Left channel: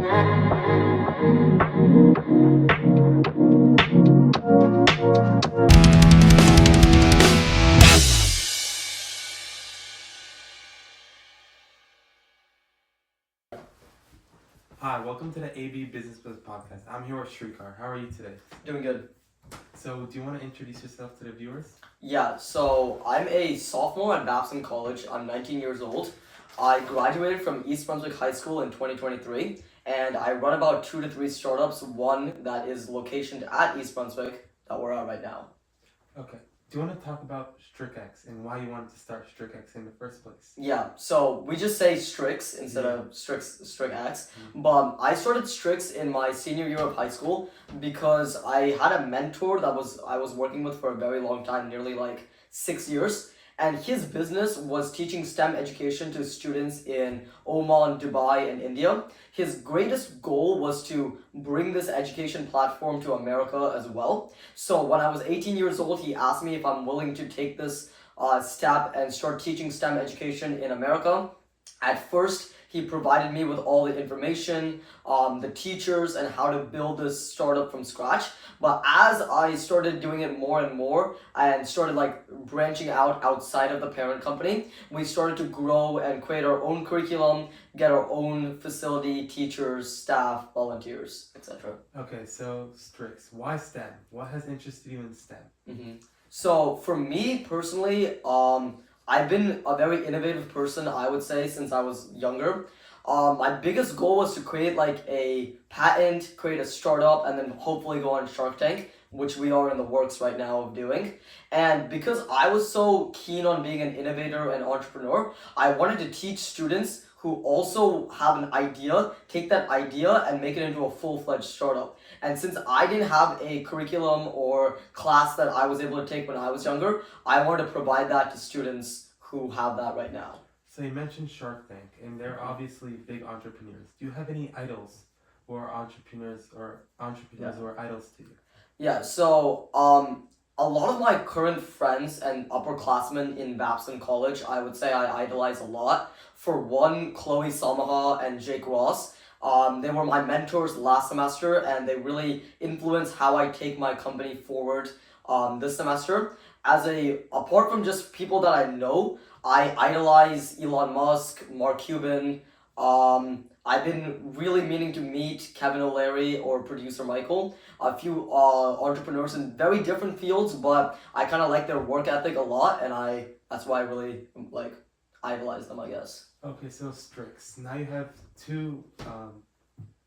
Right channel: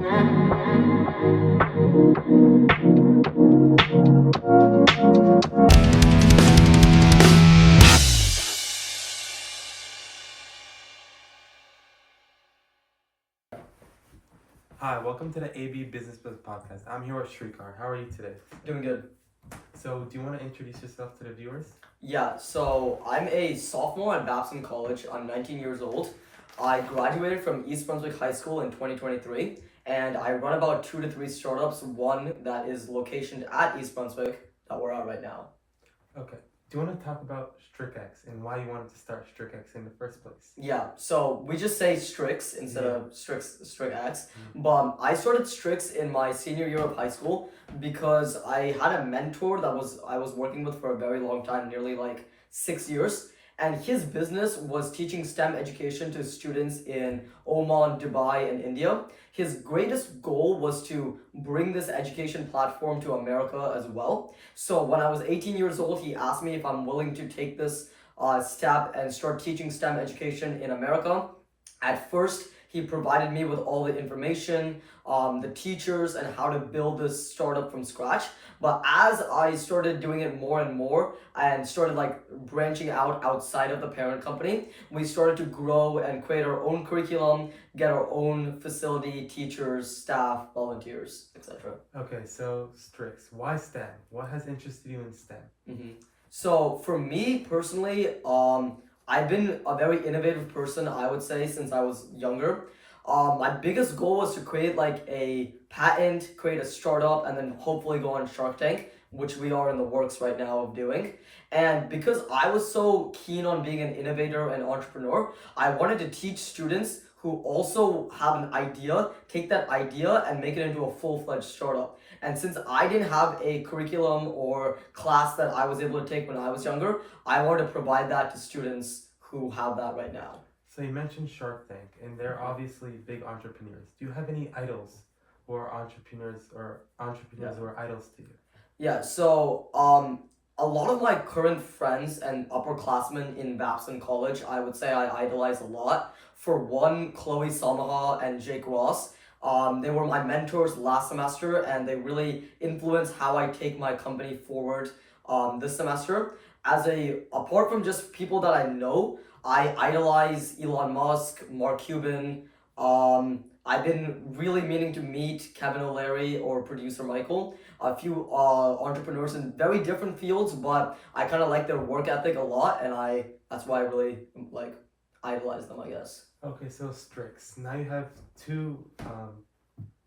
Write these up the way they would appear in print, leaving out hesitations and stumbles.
Hi, welcome to the AB Business Buzz podcast. I'm here with Srikar. How are you today? Doing good. So, do you want to introduce yourself to the viewers? Yeah, so I'm a sophomore at Babson College. I'm 19 years old. I graduated from East Brunswick High School in 2023, and I run about 2 to 3 startups, one that is located at East Brunswick that we're at right now. Okay. Do you want to talk about STRICX and why you wanted to start STRICX in the first place? Yeah, so we just say STRICX instead of STRICX. But I started STRICX in my senior year of high school because I had a mentor that I was working with for a very long time, nearly like 6 years. And his business was teaching STEM education to students in Oman, Dubai, and India. His greatest goal was to bring this education platform to America as well. So when I was 18 years old, he asked me if I'm willing to take this step and start teaching STEM education in America. At first, he provided me with all the information, the teachers, and how to build this startup from scratch. But as I started doing it more and more and started like branching out outside of the parent company, we started to grow and create our own curriculum, get our own facility, teachers, staff, volunteers, etc. Okay, so STRICX. Why STEM? What has interested you in STEM? So for me personally, I've been a very innovative person, I would say, since I was younger. My biggest goal was to create like a patent, create a startup, and then hopefully go on Shark Tank, which we are in the works right now of doing. And because I was so keen on being an innovator and entrepreneur, I wanted to teach students who also have an idea, take that idea and make it into a full-fledged startup. And since I didn't have a curriculum or class that I was able to take when I was younger, I wanted to provide that to students who have that right now. So, you mentioned Shark Tank, and they're obviously big entrepreneurs. Do you have any idols who are entrepreneurs who are idols to you? Yeah, so a lot of my current friends and upperclassmen in Babson College, I would say I idolize a lot. For one, Chloe Samaha and Jake Ross. They were my mentors last semester, and they really influenced how I take my company forward this semester. Apart from just people that I know, I idolize Elon Musk, Mark Cuban. I've been really meaning to meet Kevin O'Leary or producer Michael, a few entrepreneurs in very different fields, but I kind of like their work ethic a lot, and that's why I really like idolize them, I guess. Okay, so STRICX. Now you have two,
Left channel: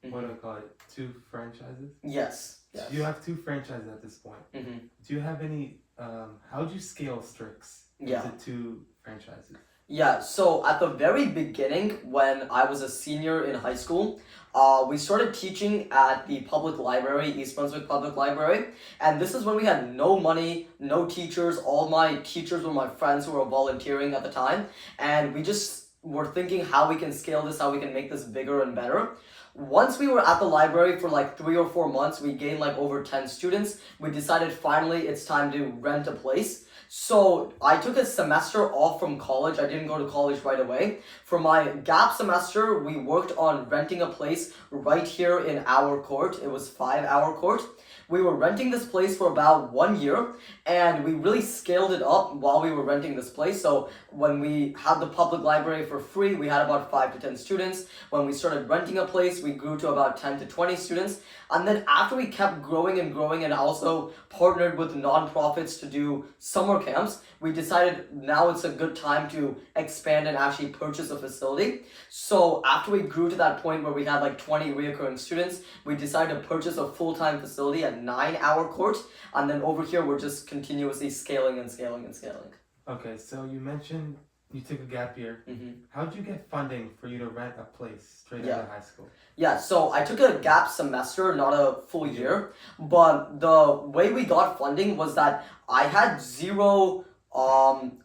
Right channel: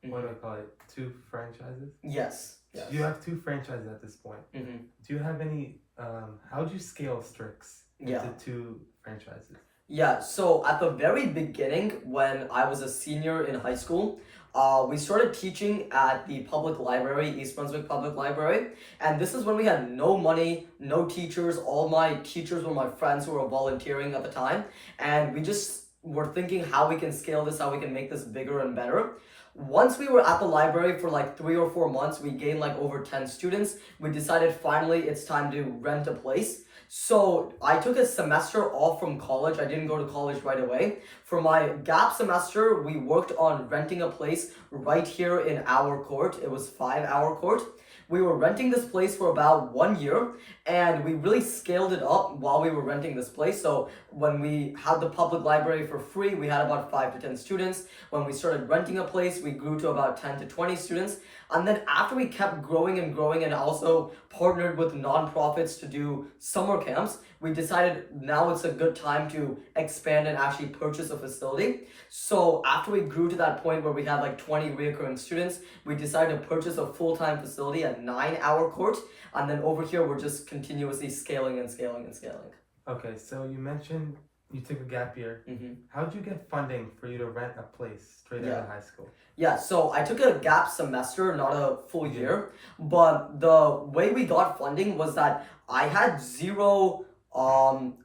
what do I call it? Two franchises? Yes. You have two franchises at this point. Do you have any, how do you scale STRICX into two franchises? Yeah, so at the very beginning, when I was a senior in high school, we started teaching at the public library, East Brunswick Public Library, and this is when we had no money, no teachers. All my teachers were my friends who were volunteering at the time, and we just were thinking how we can scale this, how we can make this bigger and better. Once we were at the library for like 3 or 4 months, we gained like over 10 students. We decided finally it's time to rent a place. So I took a semester off from college. I didn't go to college right away. For my gap semester, we worked on renting a place right here in our court. It was 5-hour court. We were renting this place for about 1 year, and we really scaled it up while we were renting this place. So when we had the public library for free, we had about 5 to 10 students. When we started renting a place, we grew to about 10 to 20 students. And then after we kept growing and also partnered with nonprofits to do summer camps, we decided now it's a good time to expand and actually purchase a facility. So after we grew to that point where we had like 20 reoccurring students, we decided to purchase a full-time facility at 9-hour court. And then over here, we're just continuously scaling and scaling and scaling. Okay, so you mentioned you took a gap year. How did you get funding for you to rent a place straight out of high school? Yeah, so I took a gap semester, not a full year, but the way we got funding was that I had zero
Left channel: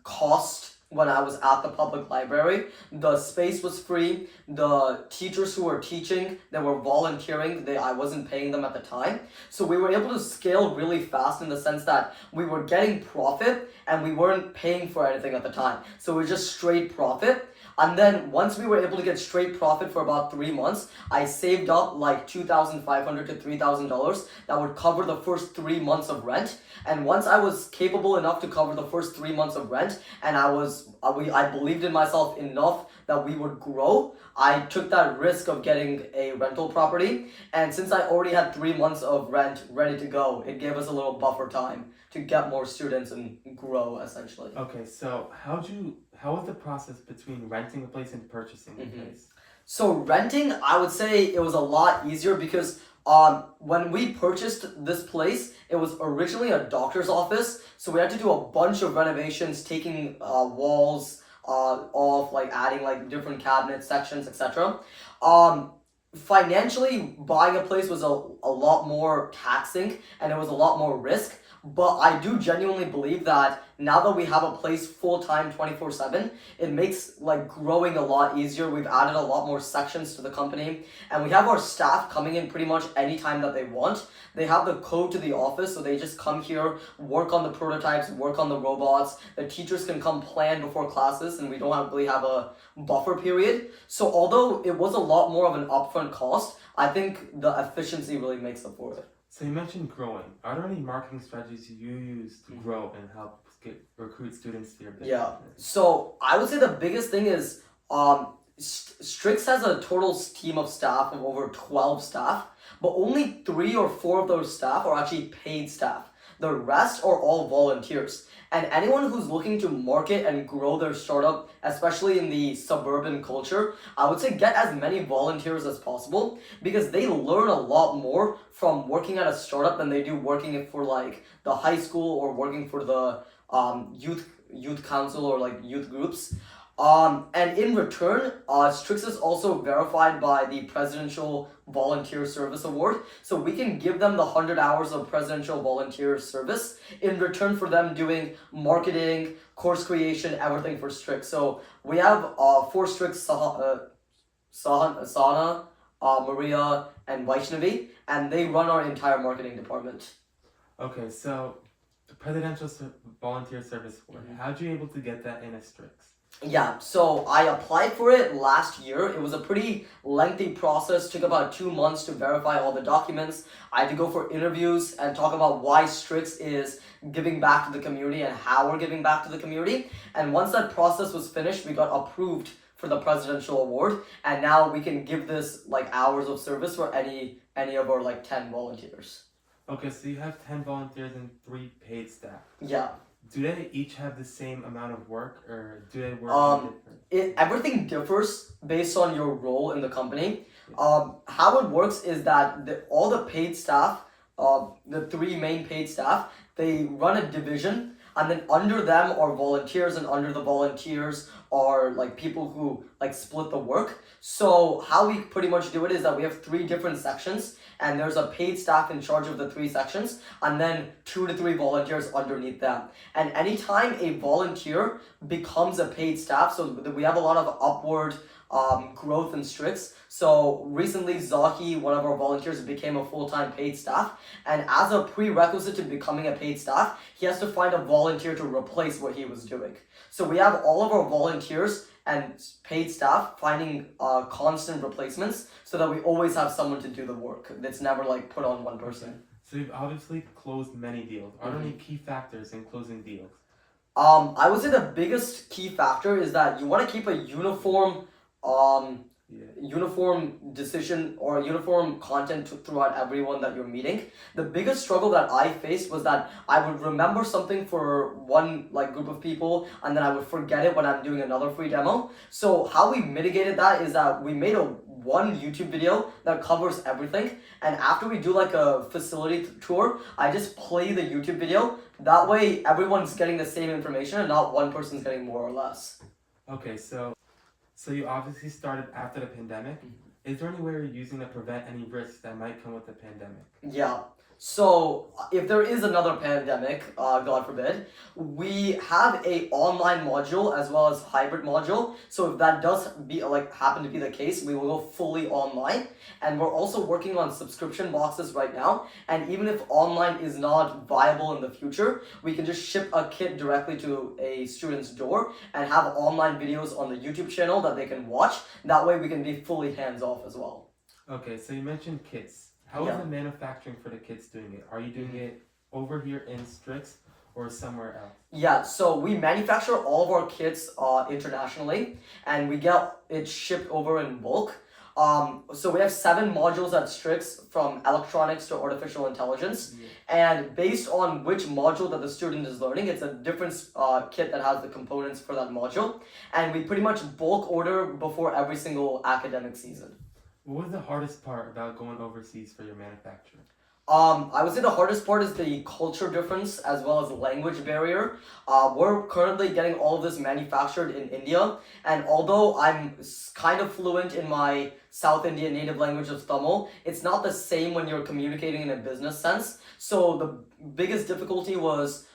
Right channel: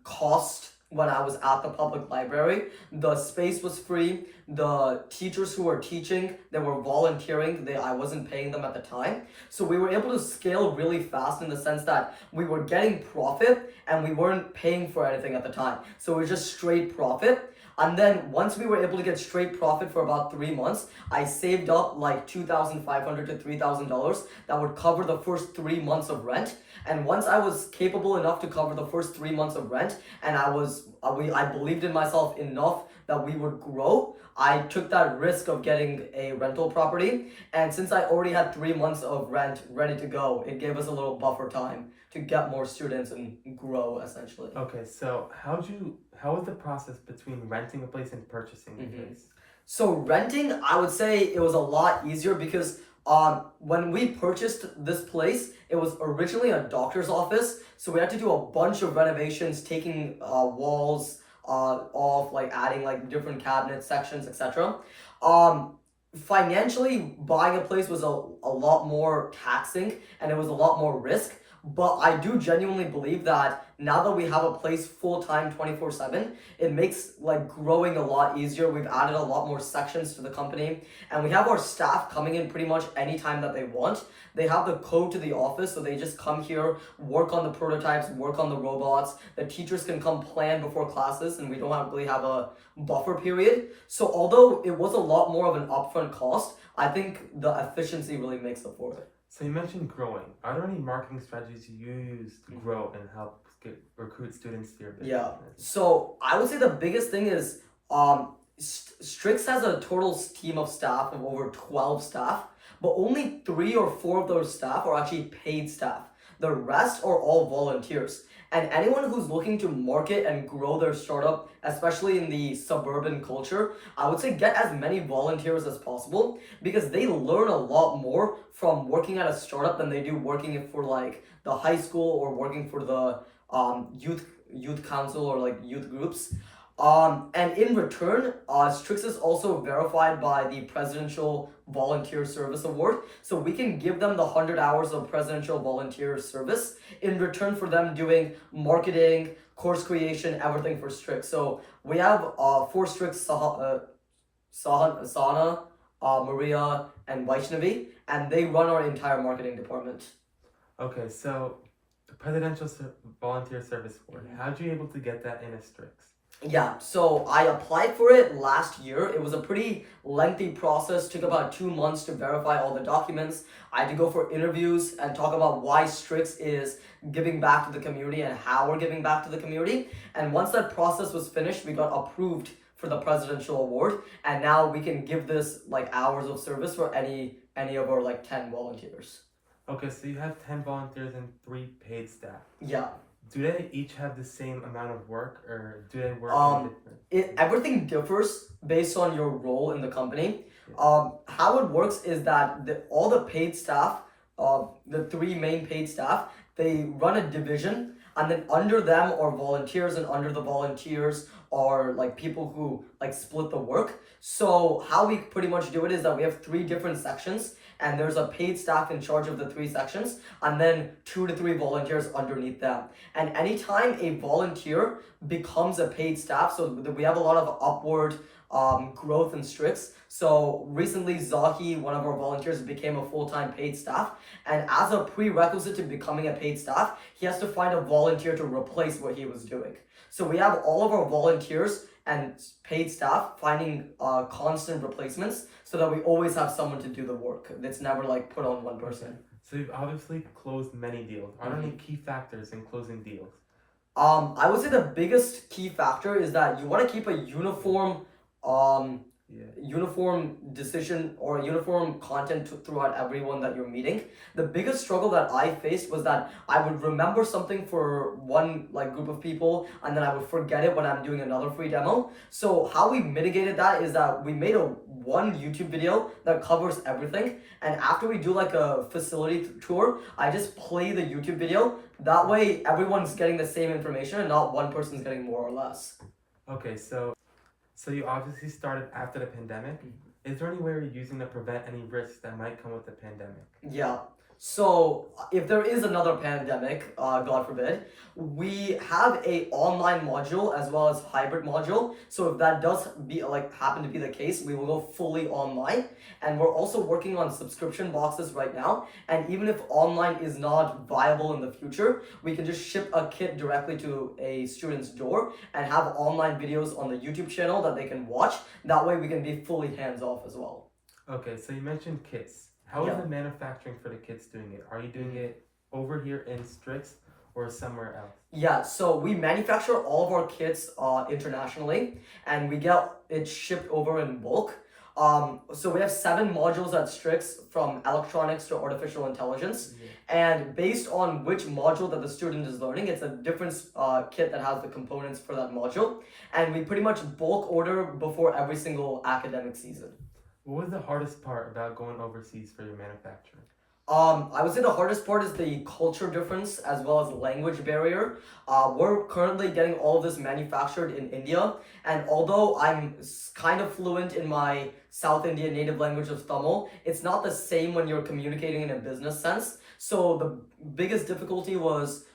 cost when I was at the public library. The space was free. The teachers who were teaching, they were volunteering. I wasn't paying them at the time. So we were able to scale really fast in the sense that we were getting profit and we weren't paying for anything at the time. So it was just straight profit. And then once we were able to get straight profit for about 3 months, I saved up like $2,500 to $3,000 that would cover the first 3 months of rent. And once I was capable enough to cover the first 3 months of rent, and I believed in myself enough that we would grow, I took that risk of getting a rental property. And since I already had 3 months of rent ready to go, it gave us a little buffer time to get more students and grow essentially. Okay, so how was the process between renting a place and purchasing a place? So renting, I would say it was a lot easier because when we purchased this place, it was originally a doctor's office. So we had to do a bunch of renovations, taking walls off, like adding like different cabinets, sections, etc. Financially, buying a place was a lot more taxing and it was a lot more risk. But I do genuinely believe that now that we have a place full-time 24/7, it makes like growing a lot easier. We've added a lot more sections to the company, and we have our staff coming in pretty much anytime that they want. They have the code to the office, so they just come here, work on the prototypes, work on the robots. The teachers can come plan before classes, and we don't really have a buffer period. So although it was a lot more of an upfront cost, I think the efficiency really makes up for it. So you mentioned growing. Are there any marketing strategies you use to grow and help recruit students to your business? Yeah. So I would say the biggest thing is STRICX has a total team of staff of over 12 staff, but only 3 or 4 of those staff are actually paid staff. The rest are all volunteers. And anyone who's looking to market and grow their startup, especially in the suburban culture, I would say get as many volunteers as possible because they learn a lot more from working at a startup than they do working for like the high school or working for the youth council or like youth groups. And in return, STRICX is also verified by the Presidential Volunteer Service Award. So we can give them the 100 hours of Presidential Volunteer Service in return for them doing marketing, course creation, everything for STRICX. So we have 4 STRICX, Sana, Maria, and Vaishnavi, and they run our entire marketing department. Okay, so the Presidential Volunteer Service Award, how'd you able to get that in a STRICX? Yeah, so I applied for it last year. It was a pretty lengthy process, took about 2 months to verify all the documents. I had to go for interviews and talk about why STRICX is giving back to the community and how we're giving back to the community. And once that process was finished, we got approved for the Presidential Award, and now we can give this like hours of service for any of our like 10 volunteers. Okay, so you have 10 volunteers and 3 paid staff. Yeah. Do they each have the same amount of work, or do they work different? Everything differs based on your role in the company. How it works is that all the paid staff, the 3 main paid staff, they run a division, and then under them are volunteers, and under the volunteers are like people who like split the work. So how we pretty much do it is that we have 3 different sections, and there's a paid staff in charge of the 3 sections, and then 2 to 3 volunteers underneath them. And anytime a volunteer becomes a paid staff, so we have a lot of upward growth in STRICX. So recently Zahi, one of our volunteers, became a full-time paid staff, and as a prerequisite to becoming a paid staff, he has to find a volunteer to replace what he was doing. So we have all of our volunteers and paid staff finding constant replacements so that we always have someone to do the work. It's never like put on one person. Okay. So you've obviously closed many deals. Are there any key factors in closing deals? I would say the biggest key factor is that you want to keep a uniform uniform decision or uniform content throughout everyone that you're meeting. The biggest struggle that I faced was that I would remember something for one like group of people and then I would forget it when I'm doing another free demo. So how we mitigated that is that we made one YouTube video that covers everything, and after we do like a facility tour, I just play the YouTube video. That way everyone's getting the same information and not one person's getting more or less. Okay, so you obviously started after the pandemic. Is there any way you're using to prevent any risks that might come with the pandemic? Yeah. So if there is another pandemic, God forbid, we have a online module as well as hybrid module. So if that does be like happen to be the case, we will go fully online. And we're also working on subscription boxes right now. And even if online is not viable in the future, we can just ship a kit directly to a student's door and have online videos on the YouTube channel that they can watch. That way we can be fully hands off as well. Okay, so you mentioned kits. How is Yeah. the manufacturing for the kits doing it? Are you doing it over here in STRICX or somewhere else? Yeah, so we manufacture all of our kits internationally, and we get it shipped over in bulk. So we have 7 modules at STRICX, from electronics to artificial intelligence, and based on which module that the student is learning, it's a different kit that has the components for that module, and we pretty much bulk order before every single academic season. What was the hardest part about going overseas for your manufacturing? I would say the hardest part is the culture difference as well as the language barrier. We're currently getting all of this manufactured in India, and although I'm kind of fluent in my South Indian native language of Tamil, it's not the same when you're communicating in a business sense. So the biggest difficulty was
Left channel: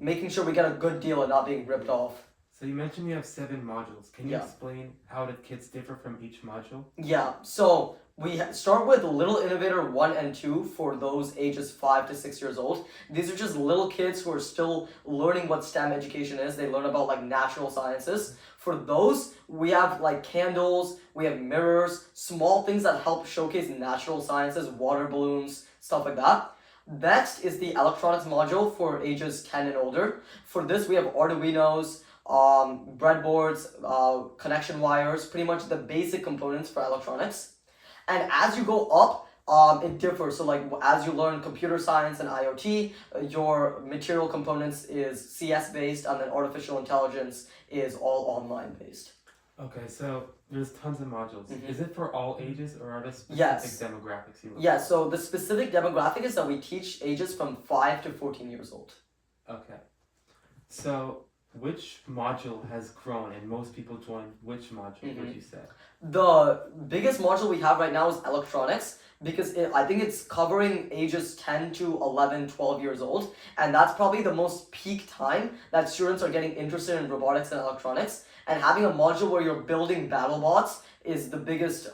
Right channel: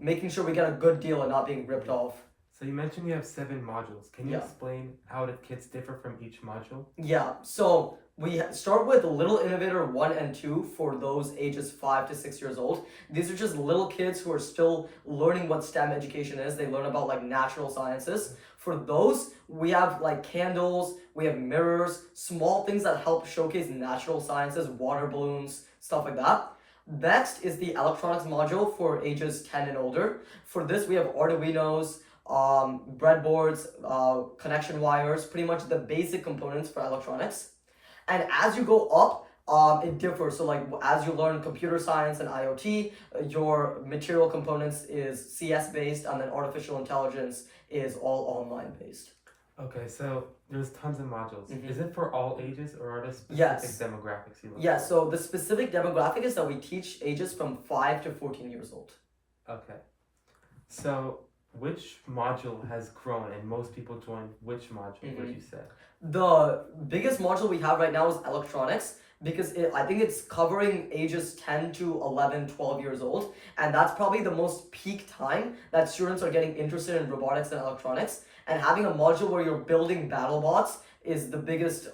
making sure we get a good deal and not being ripped off. So you mentioned you have 7 modules. Can you Yeah. explain how the kits differ from each module? Yeah, so we start with Little Innovator 1 and 2 for those ages 5 to 6 years old. These are just little kids who are still learning what STEM education is. They learn about like natural sciences. For those, we have like candles, we have mirrors, small things that help showcase natural sciences, water balloons, stuff like that. Next is the electronics module for ages 10 and older. For this, we have Arduinos, breadboards, connection wires, pretty much the basic components for electronics. And as you go up, it differs. So like as you learn computer science and IoT, your material components is CS based, and then artificial intelligence is all online based. Okay, so there's tons of modules. Mhm. Is it for all ages or are there specific Yes. demographics you look Yeah, for? so the specific demographic is that we teach ages from 5 to 14 years old. Okay. So which module has grown and most people join which module, would you say? The biggest module we have right now is electronics, because I think it's covering ages 10 to 11, 12 years old, and that's probably the most peak time that students are getting interested in robotics and electronics. And having a module where you're building battle bots is the biggest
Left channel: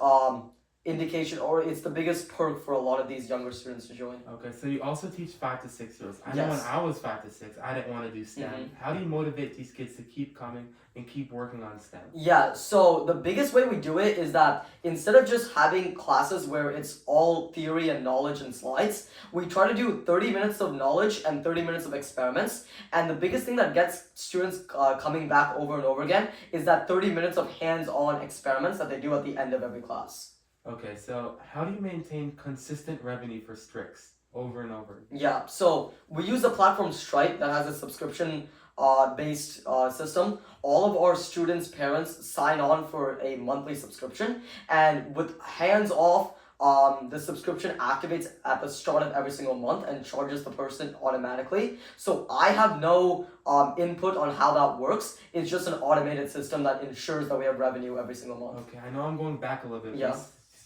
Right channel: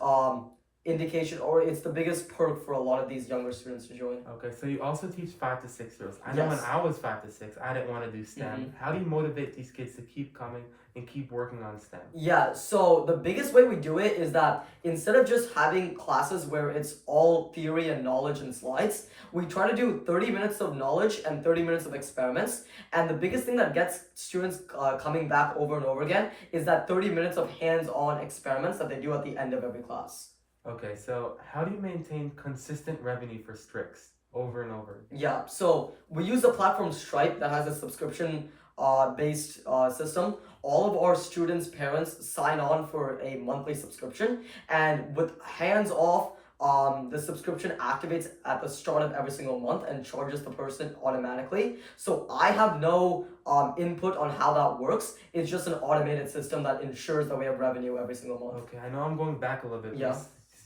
indication, or it's the biggest perk for a lot of these younger students to join. Okay, so you also teach 5 to 6 years. I know when Yes. I was 5 to 6, I didn't want to do STEM. How do you motivate these kids to keep coming and keep working on STEM? Yeah, so the biggest way we do it is that instead of just having classes where it's all theory and knowledge and slides, we try to do 30 minutes of knowledge and 30 minutes of experiments. And the biggest thing that gets students coming back over and over again is that 30 minutes of hands-on experiments that they do at the end of every class. Okay, so how do you maintain consistent revenue for STRICX over and over? Yeah, so we use the platform STRICX that has a subscription based system. All of our students' parents sign on for a monthly subscription, and with hands off, the subscription activates at the start of every single month and charges the person automatically. So I have no input on how that works. It's just an automated system that ensures that we have revenue every single month. Okay, I know I'm going back a little bit. Yeah.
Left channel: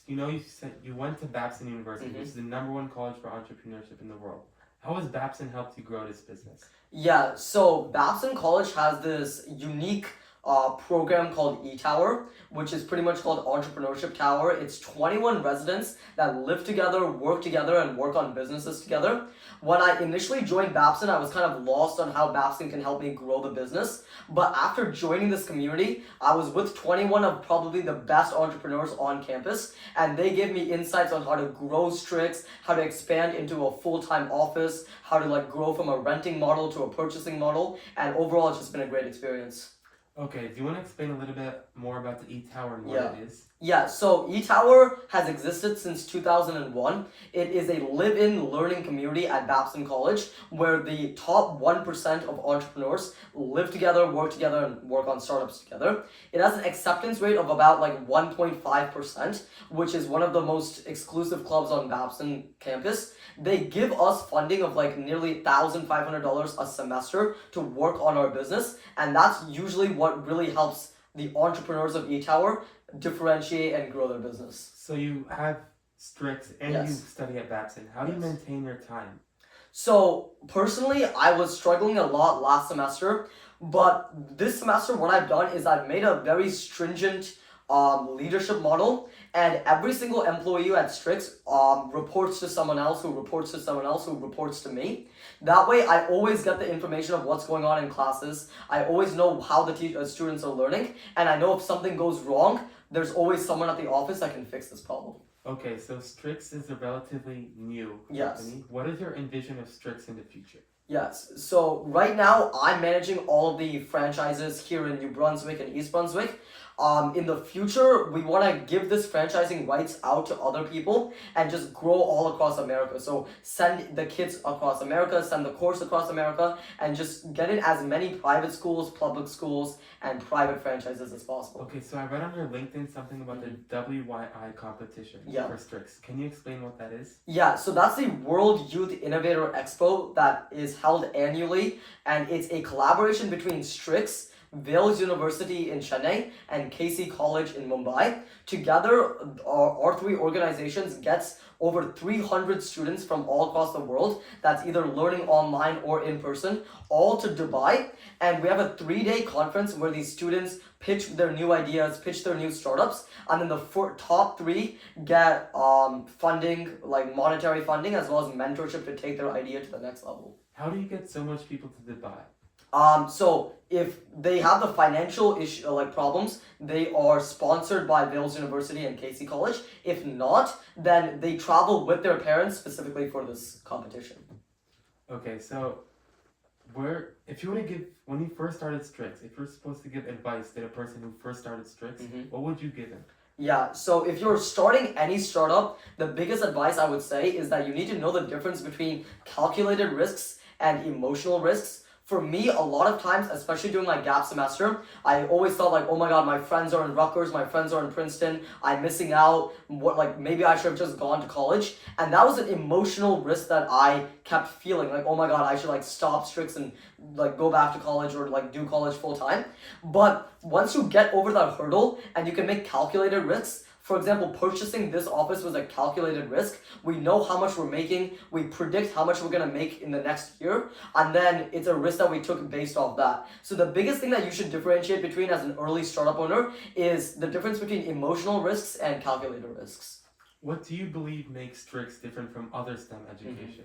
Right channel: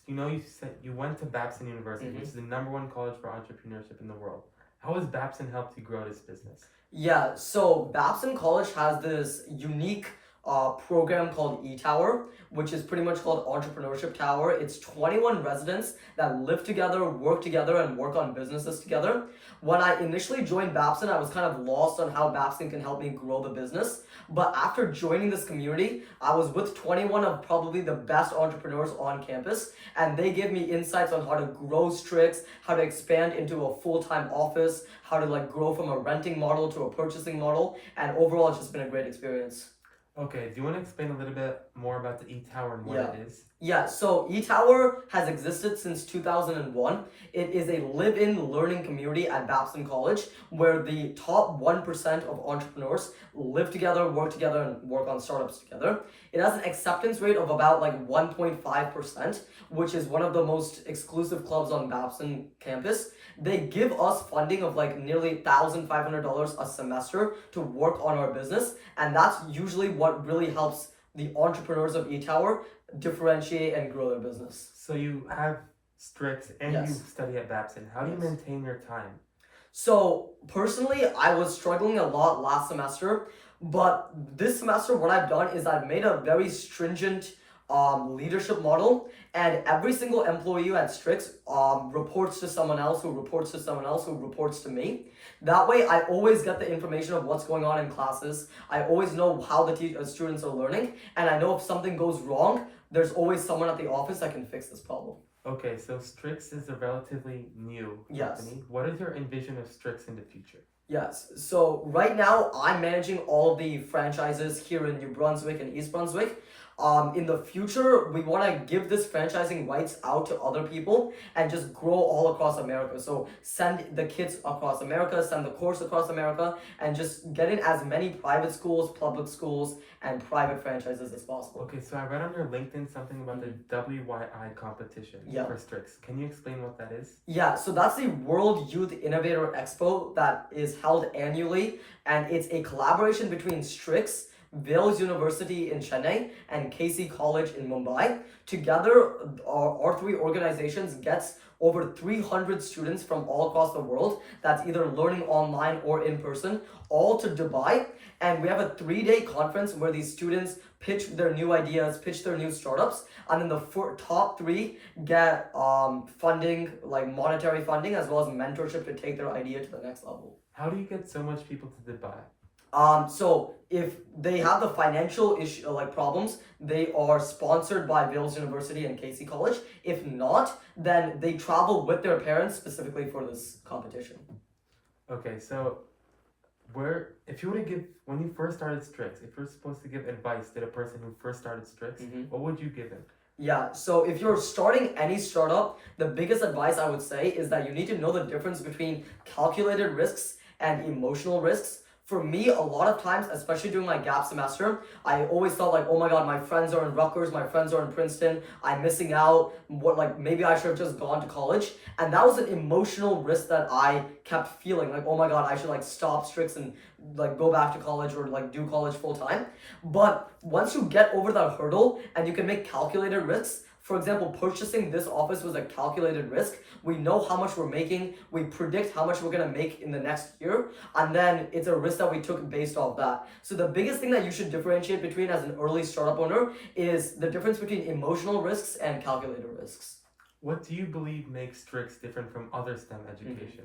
You know, you said you went to Babson University, which is the #1 college for entrepreneurship in the world. How has Babson helped you grow this business? Yeah, so Babson College has this unique program called E-Tower, which is pretty much called Entrepreneurship Tower. It's 21 residents that live together, work together, and work on businesses together. When I initially joined Babson, I was kind of lost on how Babson can help me grow the business. But after joining this community, I was with 21 of probably the best entrepreneurs on campus, and they gave me insights on how to grow STRICX, how to expand into a full-time office, how to like grow from a renting model to a purchasing model, and overall it's just been a great experience. Okay, do you want to explain a little bit more about the E-Tower and what Yeah. it is? Yeah, so E-Tower has existed since 2001. It is a live-in learning community at Babson College where the top 1% of entrepreneurs live together, and work on startups together. It has an acceptance rate of about like 1.5%, which is one of the most exclusive clubs on Babson campus. They give us funding of like nearly $1,500 a semester to work on our business, and that's usually what really helps the entrepreneurs of E-Tower differentiate and grow their business. So you have STRICX and Yes. you study at Babson. How do you Yes. maintain your time? So personally, I was struggling a lot last semester, but this semester, what I've done is I've made a very stringent leadership model, and every single employee at STRICX reports to someone else who reports to someone else who reports to me. That way, I always get the information of what's going on in classes. I always know how the students are learning, and I know if something goes wrong, there's always someone at the office that can fix this problem. Okay, so STRICX is a relatively new Yes. company. What is your envision of STRICX in the future? Yes, so right now I'm managing all of the franchises here in New Brunswick and East Brunswick. In the future, we want to give this franchising rights out to other people and just grow all across America. So send the kids across America, send the course across America, and just get in as many private schools, public schools, and private franchises as possible. Okay, so I read on your LinkedIn something about the WYI competition Yeah. for STRICX. Can you explain what that is? Yeah, so that's the World Youth Innovator Expo that is held annually, and it's a collaboration between STRICX, Wales University in Chennai, and Casey College in Mumbai. Together, our three organizations gets over 300 students from all across the world that's either learning online or in person, all to Dubai. And we have a 3-day conference where these students pitch their new ideas, pitch their new startups, and then the top 3 get funding, like monetary funding, as well as mentorship to take their idea to the next level. How do you get so much people to Dubai? So if they have the financial issue, like problems, they are sponsored by Wales University and Casey College. If not, then they travel with their parents specifically for this competition. Okay, so if you were to give, when you first started STRICX, if you're supposed to give advice to the person who first started STRICX, what would you give them? Yeah, so if you're starting any startup, the biggest advice I would say is that you need to know the difference between calculated risks and emotional risks. For me, a lot of times, especially during my gap semester, I always thought like, oh my god, my friends are in Rutgers, my friends are in Princeton, I'm missing out, maybe I should have just gone to college. And that was an emotional risk that I kept feeling, like, oh my god, I should like stop STRICX and like go back to college or like do college full time. But once you get over that hurdle and you can make calculated risks, for example, purchasing this office was a calculated risk. We know how much we're making. We predict how much we're going to make in the next year. And then it's a risk that we took based off that. So the biggest thing that you should differentiate between as an early startup owner is the difference between emotional risks and calculated risks. What do you believe makes STRICX different from other STEM education?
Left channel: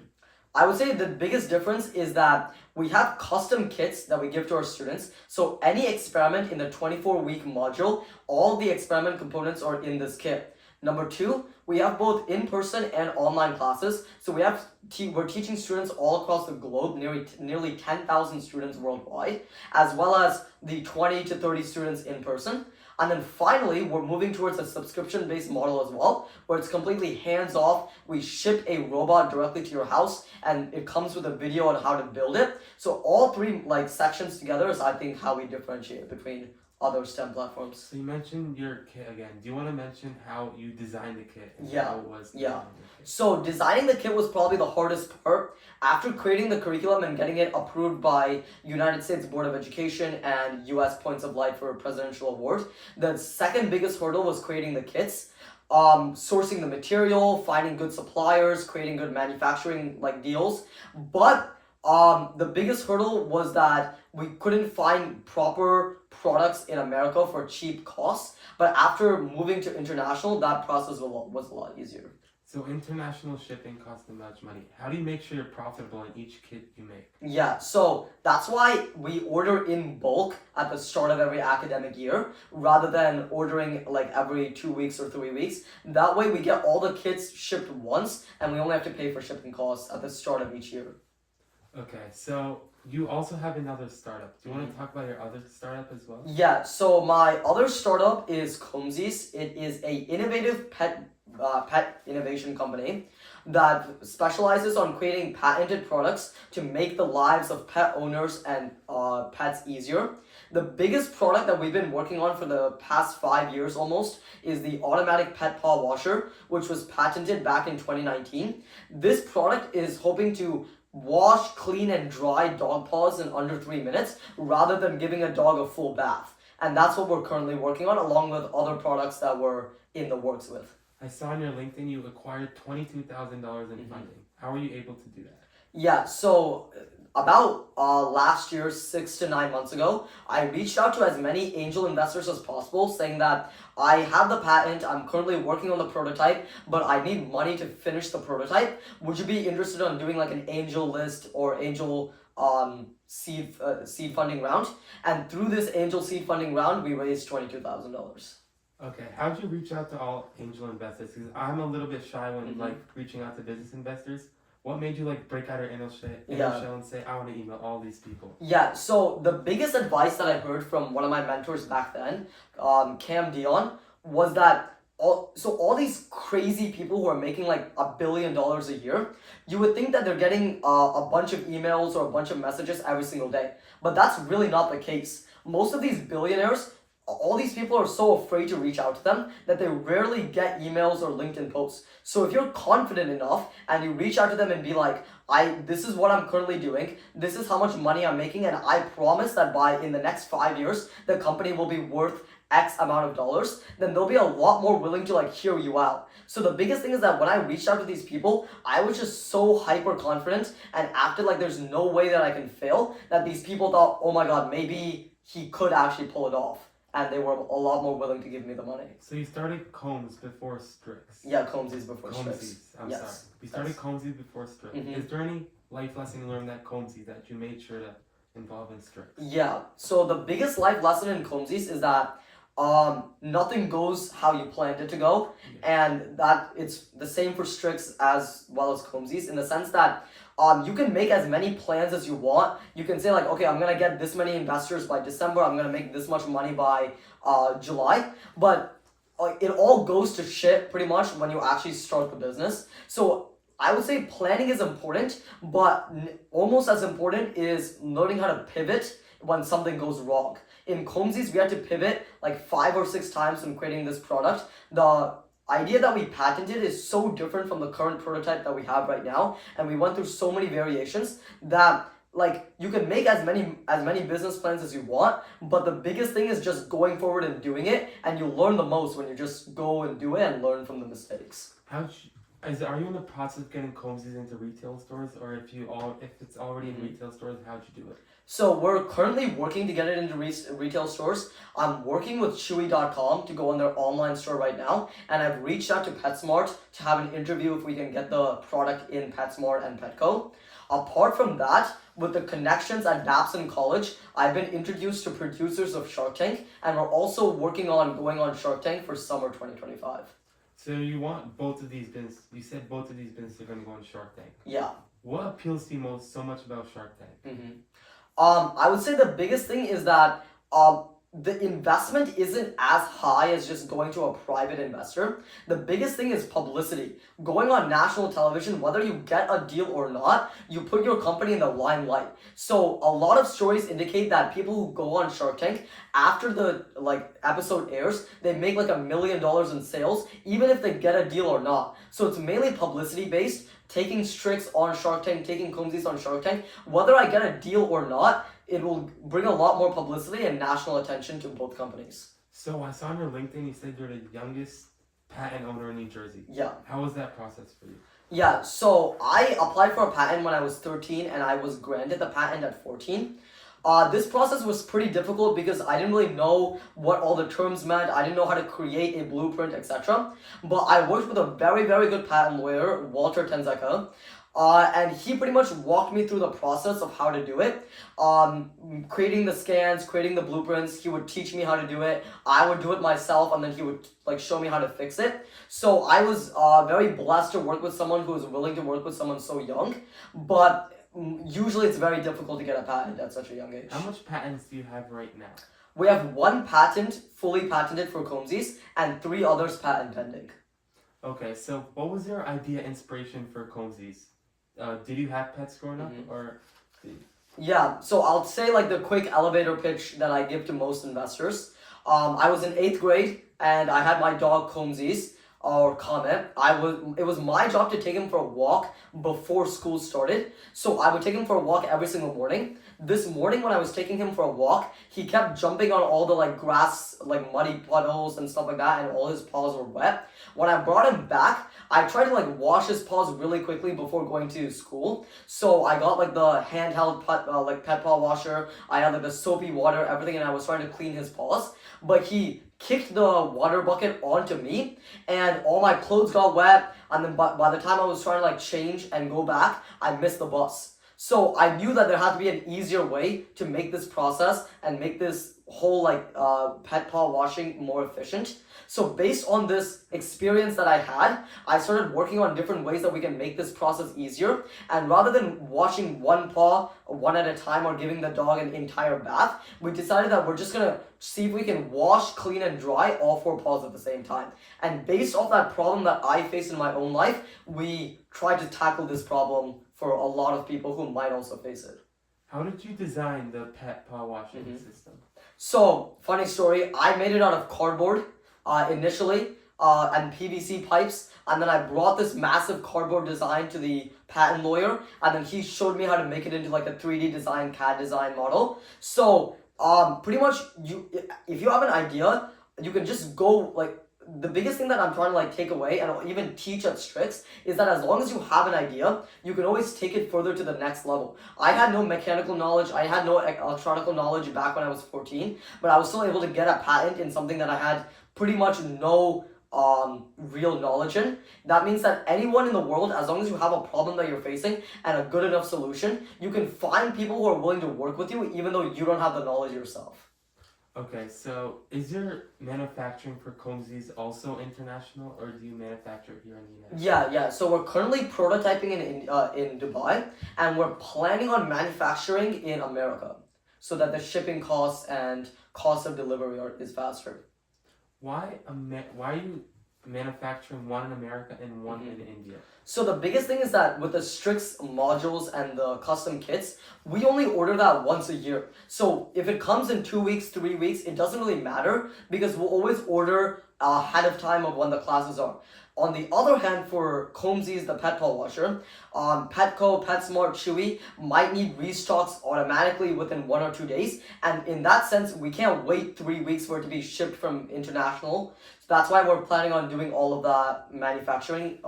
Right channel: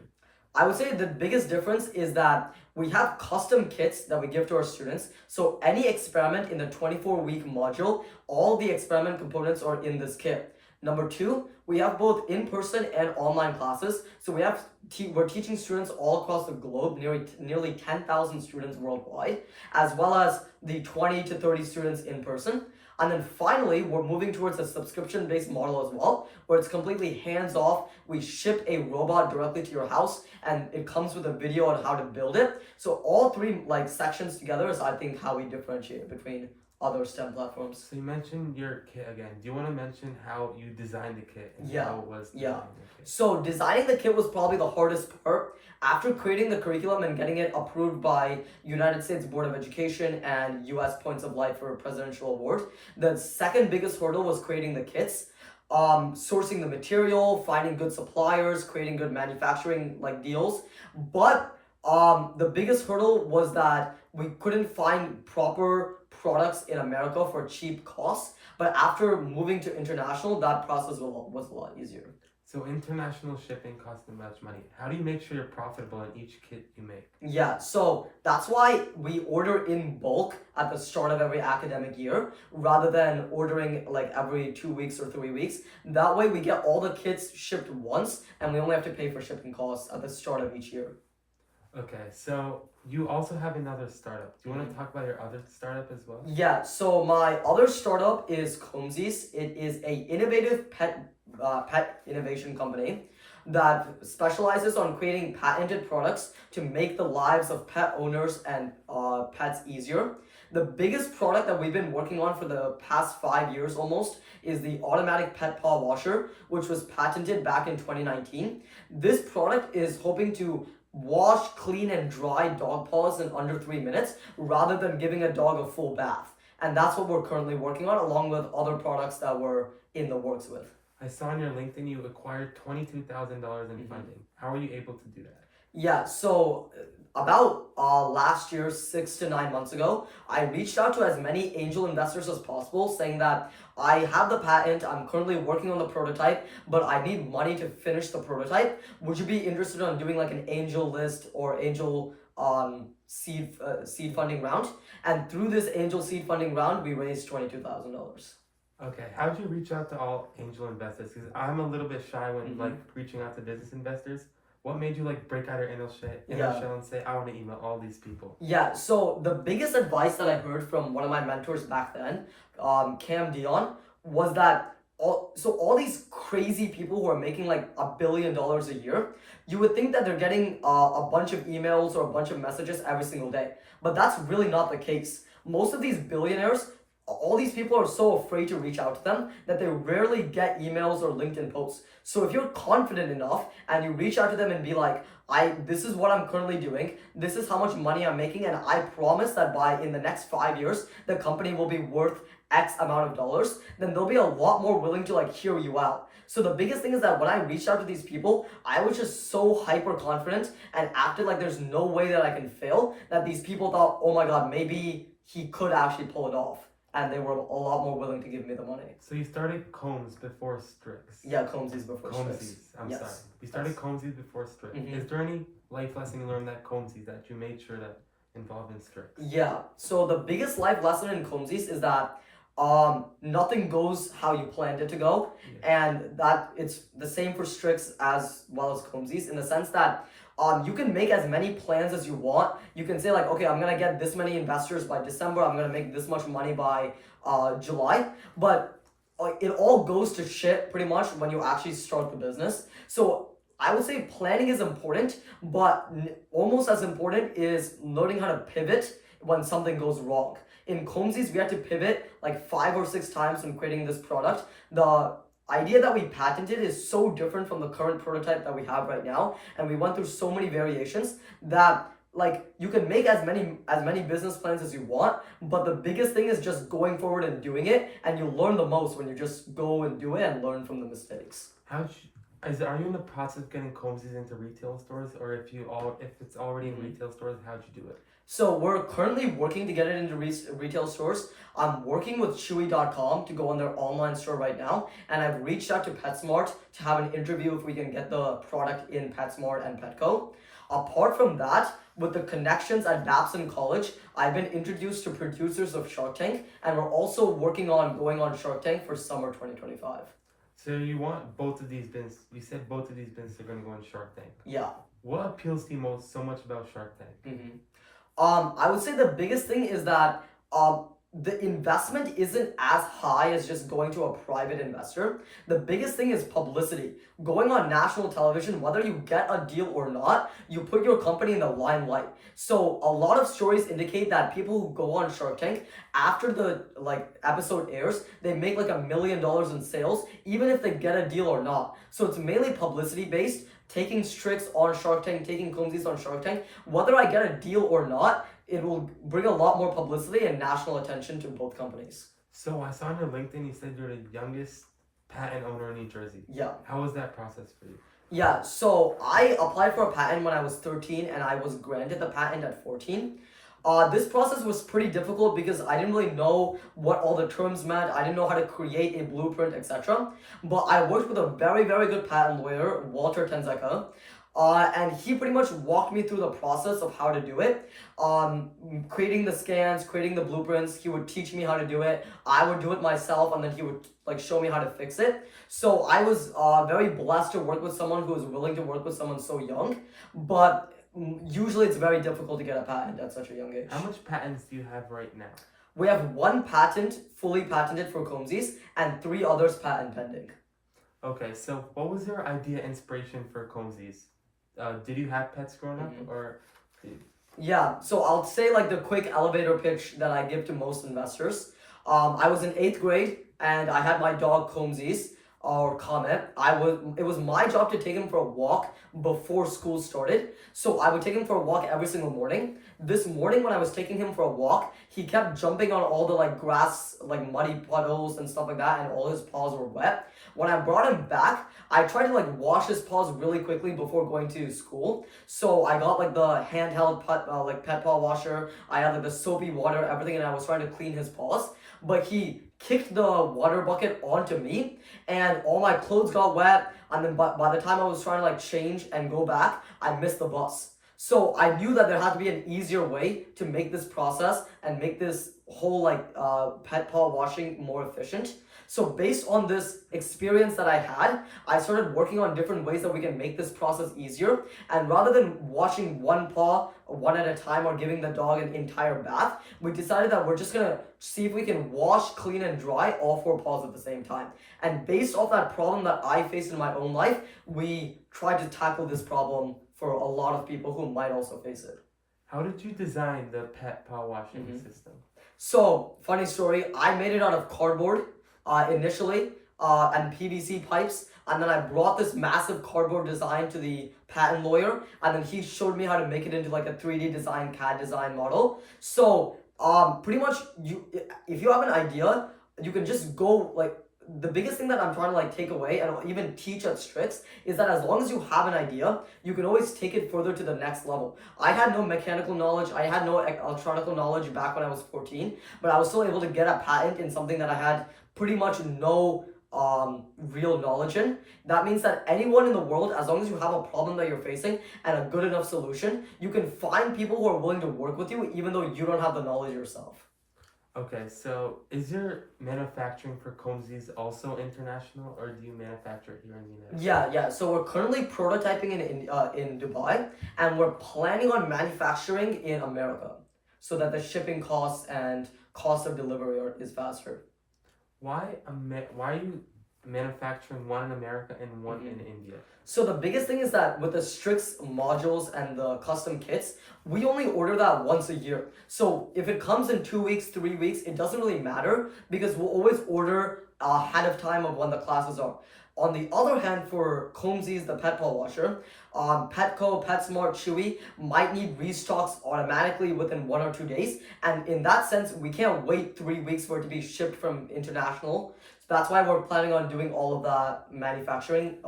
I would say the biggest difference is that we have custom kits that we give to our students. So any experiment in the 24-week module, all the experiment components are in this kit. Number 2, we have both in-person and online classes. So we're teaching students all across the globe, nearly 10,000 students worldwide, as well as the 20 to 30 students in person. And then finally, we're moving towards a subscription-based model as well, where it's completely hands-off. We ship a robot directly to your house, and it comes with a video on how to build it. So all 3 sections together is, I think, how we differentiate between other STEM platforms. So you mentioned your kit again. Do you want to mention how you designed the kit and how it was Yeah. designed? So designing the kit was probably the hardest part. After creating the curriculum and getting it approved by United States Board of Education and US Points of Light for a presidential award, the second biggest hurdle was creating the kits. Sourcing the material, finding good suppliers, creating good manufacturing deals. But the biggest hurdle was that we couldn't find proper products in America for cheap costs. But after moving to international, that process was a lot easier. So international shipping costs them much money. How do you make sure you're profitable in each kit you make? Yeah, so that's why we order in bulk at the start of every academic year rather than ordering every 2 weeks or 3 weeks. That way we get all the kits shipped once and we only have to pay for shipping costs at the start of each year. Okay, so you also have another startup. Do you want to talk about your other startup as well? Yeah, so my other startup is Comzys. It is a innovative pet innovation company that specializes on creating patented products to make the lives of pet owners and pets easier. The biggest product that we've been working on for the past 5 years almost is the automatic pet paw washer, which was patented back in 2019. This product is hoping to wash, clean, and dry dog paws in under 3 minutes rather than giving a dog a full bath. And that's what we're currently working on along with other products that we're in the works with. I saw on your LinkedIn you acquired $22,000 in funding. How are you able to do that? Yeah, so about last year, 6 to 9 months ago, I reached out to as many angel investors as possible, saying that I have the patent, I'm currently working on the prototype, but I need money to finish the prototype. Would you be interested in doing like an angel list or angel seed funding round? And through this angel seed funding round, we raised $22,000. Okay, how'd you reach out to all angel investors? Because I'm a little bit shy when like reaching out to business investors. What made you like break out your inner shell and say, I want to email all these people? Yeah, so the biggest advice that I heard from one of my mentors back then, Cam Dion, was that all these crazy people who are making like $1 billion a year, you would think that they're getting a bunch of emails or a bunch of messages every single day. But that's really not the case. Most of these billionaires, all these people are so afraid to reach out to them that they rarely get emails or LinkedIn posts. So if you're confident enough and you reach out to them and be like, this is what I'm currently doing, this is how much money I'm making, and I promise that in the next 5 years, the company will be worth X amount of dollars, then they'll be a lot more willing to like hear you out. So the biggest thing is that when I reached out to these people, I was just so hyper confident and acted like there's no way that I can fail, that these people thought, oh my God, maybe he could actually pull it off. And they were a lot more willing to give me the money. So you started Combs before STRICX? Yeah, Comzys before STRICX. Comzys, I'm sorry. You started Comzys before STRICX. Is there any life lesson you learned at Comzys that you made sure to involve in STRICX? Yeah, so the biggest life lesson in Comzys is that nothing goes how you planned it to go, and that it's the same for STRICX as well as Comzys, in the sense that you can make as many plans as you want. You can say like, okay, I'm gonna get this many investors by December, I'm gonna make this much money by July, but it all goes to shit pretty much when you actually start the business. So I would say planning is important, but almost as important is learning how to pivot when something goes wrong. In Comzys, we had to pivot like 5 or 6 times when creating this product. The idea that we patented is so different from the current prototype that we have right now, and we went through so many variations that like you can make as many business plans as you want, but the biggest thing is just going forward and doing it, and you learn the most when you just go and do it and learn from the mistakes. Are you in the process of getting Comzys into retail stores, or if it's already in retail stores, how'd you do it? So we're currently working to get it into retail stores. I'm working with Chewy.com to go on their online store right now, and I've reached out to PetSmart to have an interview if we can get the product in PetSmart and Petco. Apart from that, with the connections at Babson College, I've been introduced to producers of Shark Tank, and we're also working on going on Shark Tank for summer 2025. So you want both of these businesses, you said both of these businesses are going to go on Shark Tank. Yeah. What appeals to you so much about Shark Tank? I would say the biggest thing is that the investment isn't as high as just going to a private investor. The biggest thing is publicity. Going on national television, whether you get a deal or not, you put your company in the limelight. So a lot of stories indicate that people who go on Shark Tank, after the episode airs, they make like $1 million in sales, even if they get a deal or not. So it's mainly publicity based. Taking STRICX on Shark Tank, taking Comzys on Shark Tank, whether I get a deal or not, it will bring a lot more publicity and national attention to both companies. So I saw on your LinkedIn you said you're the youngest patent owner in New Jersey. Yeah. How was that process for you? Yeah, so I applied for a patent when I was 13 and I was granted the patent at 14. This process was pretty difficult because I didn't really know what all the terms meant. I didn't know how to create a blueprint, etc. But I worked with a very, very good patent lawyer, Walter Tenzeka, and he pretty much walked me through the process of how to do it. Creating the scans, creating the blueprints, he would teach me how to do it. I would do it myself, and then he would show me how to fix it. So I was very blessed to work with someone who was willing to work with someone so young, but usually it's very difficult to get a patent at such a young age. How much patents do you have right now? We have 1 patent fully patented for Comzys and 3 others patent pending. Okay, so what was your idea inspiration for Comzys? Did you have pets growing up, or? Yeah, so I'll say the quick elevator pitch that I give to most investors. I was in 8th grade and I had my dog Comzys. or comment, it was my job to take him for a walk before school started. So I would take him for a walk every single morning. This morning when I was taking him for a walk, he kept jumping on all the like grass, like muddy puddles and stuff like that, and all his paws were wet. When I brought him back, I tried to like wash his paws really quickly before going to school. So I got like the handheld pet paw washer. I had like the soapy water, everything, and I was trying to clean his paws. But he kicked the water bucket onto me, and all my clothes got wet. And then by the time I was trying to like change and go back, I missed the bus. So I knew that there had to be an easier way to make this process and make this whole like pet paw washing more efficient. So based on this experience that I had, I started working on different ways that we can make this process easier. And rather than washing one paw one at a time or giving the dog an entire bath, we decided that we're just gonna see if we can wash, clean, and dry all 4 paws at the same time. And based off that problem that I faced in my own life, we tried to tackle this problem for a lot of people who might also face it. How did you design the pet paw washing system? So, funny story, I made it out of cardboard initially and PVC pipes, and then I brought this massive cardboard design to the patent lawyer, and then he showed me how to make it into like a 3D design, CAD design model. So pretty much if you have an idea, you can just go like, the biggest thing that I'm trying to like take away and even teach at STRICX is that as long as you have an idea, you can always take it further to the next level. I had no mechanical knowledge, I had no electronic knowledge back when I was 14, but I was still able to get a patent in something that I had pretty much no real knowledge in. That means that anyone in the world, as long as you have a problem that you're facing and a good enough solution, you can find people who are willing to work with you even though you don't have the knowledge yourself. Okay, so is your manufacturing for Comzys also international, or do you manufacture it here in the United States? Yeah. So we're currently prototyping in Dubai, and we're planning on manufacturing in America, so that the shipping costs and cost of delivery is faster. Why are you manufacturing one in America and one in India? So the biggest thing is that with the STRICX modules and the custom kits, we only order that once a year. So if it comes in 2 weeks, 3 weeks, it doesn't really matter because we'll always order ahead of time of when the classes are. On the other hand, for Comzys, the pet paw washer, Petco, PetSmart, Chewy might need restocks automatically within 1 or 2 days. And in that sense, we can't wait 3 weeks for it to be shipped from international. So that's why we're planning on doing all of that manufacturing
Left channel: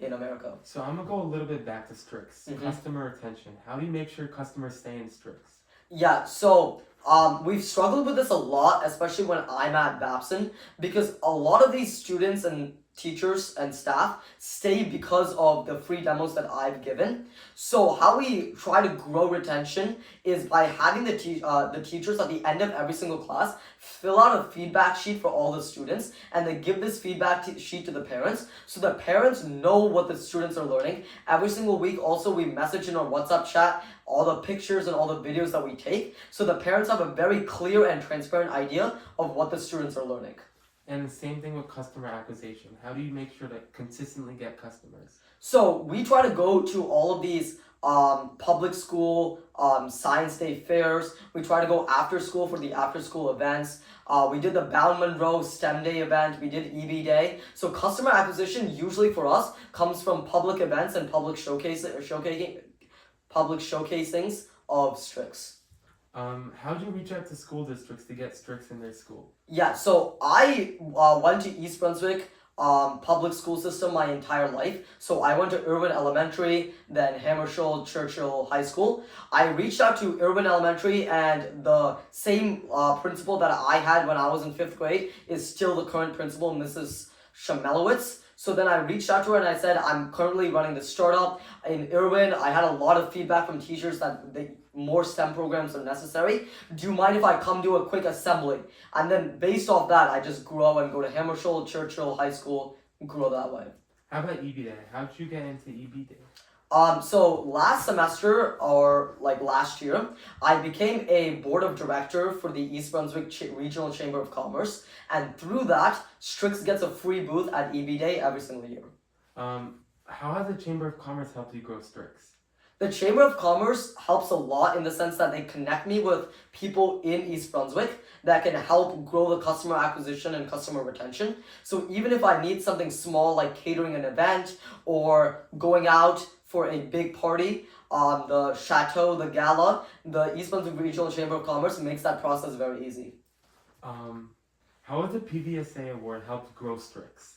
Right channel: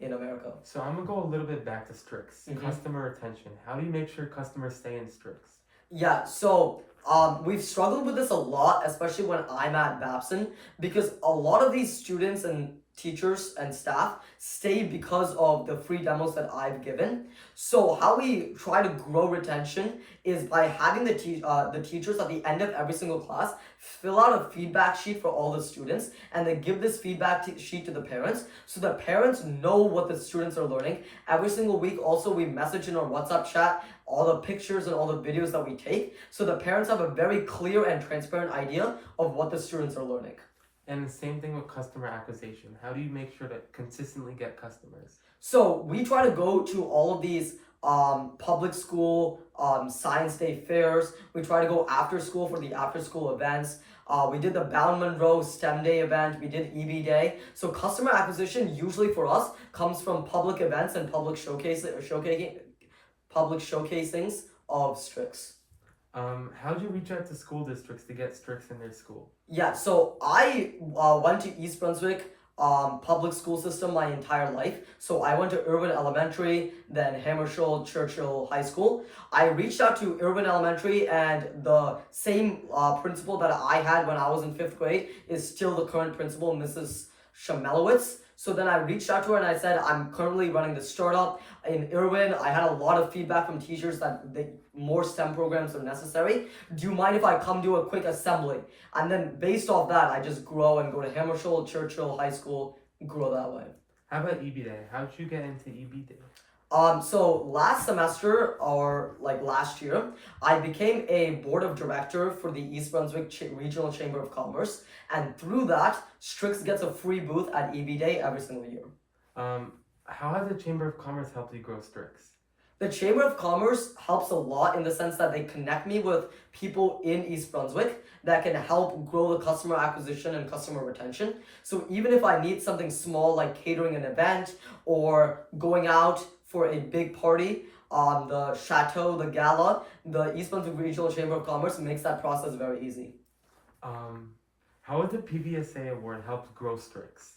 in America. So I'm gonna go a little bit back to STRICX. Customer retention. How do you make sure customers stay in STRICX? Yeah, so we've struggled with this a lot, especially when I'm at Babson, because a lot of these students and teachers and staff stay because of the free demos that I've given. So how we try to grow retention is by having the teachers at the end of every single class fill out a feedback sheet for all the students, and they give this feedback sheet to the parents, so the parents know what the students are learning. Every single week also we message in our WhatsApp chat all the pictures and all the videos that we take, so the parents have a very clear and transparent idea of what the students are learning. And the same thing with customer acquisition. How do you make sure to consistently get customers? So we try to go to all of these public school science day fairs. We try to go after school for the after school events. We did the Bound Monroe STEM Day event. We did EB Day. So customer acquisition usually for us comes from public events and public showcasings of STRICX. How do you reach out to school districts to get STRICX in their school? Yeah, so I went to East Brunswick public school system my entire life. So I went to Irwin Elementary, then Hammersholt Churchill High School. I reached out to Irwin Elementary, and the same principal that I had when I was in 5th grade is still the current principal, Mrs. Shamelowitz. So then I reached out to her and I said, I'm currently running the startup in Irwin. I had a lot of feedback from teachers that more STEM programs are necessary. Do you mind if I come do a quick assembly? And then based off that, I just grow and go to Hammersholt, Churchill High School, grow that way. How about EB Day? How did you get into EB Day? So last semester, or like last year, I became a board of director for the East Brunswick Regional Chamber of Commerce, and through that, STRICX gets a free booth at EB Day every single year. How has the Chamber of Commerce helped you grow STRICX? The Chamber of Commerce helps a lot in the sense that they connect me with people in East Brunswick that can help grow the customer acquisition and customer retention. So even if I need something small like catering an event or going out for a big party, the chateau, the gala, the East Brunswick Regional Chamber of Commerce makes that process very easy. How has the PVSA award helped grow STRICX?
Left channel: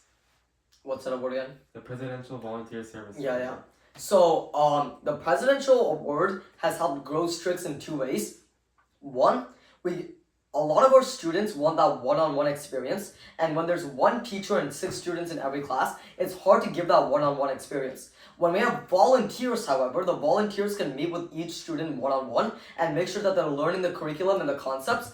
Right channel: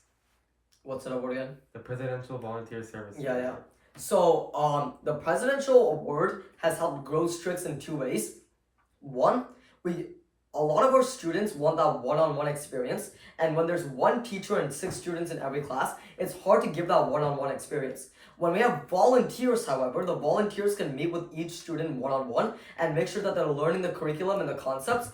What's that award again? The Presidential Volunteer Service. Yeah. So the presidential award has helped grow STRICX in two ways. One, a lot of our students want that one-on-one experience, and when there's one teacher and 6 students in every class, it's hard to give that one-on-one experience. When we have volunteers, however, the volunteers can meet with each student one-on-one and make sure that they're learning the curriculum and the concepts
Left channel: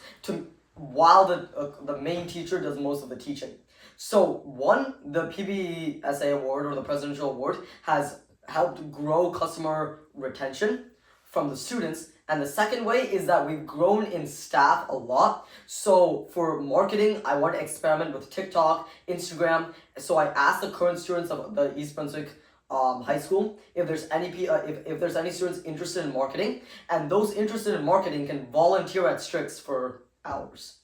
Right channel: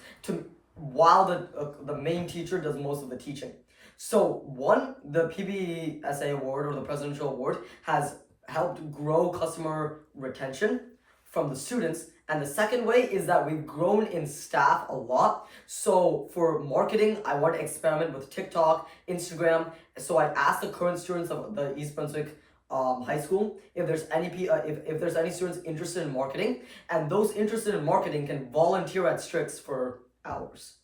while the main teacher does most of the teaching. So one, the PBSA award or the presidential award has helped grow customer retention from the students. And the second way is that we've grown in staff a lot. So for marketing, I want to experiment with TikTok, Instagram. So I asked the current students of the East Brunswick High School if there's any students interested in marketing, and those interested in marketing can volunteer at STRICX for hours.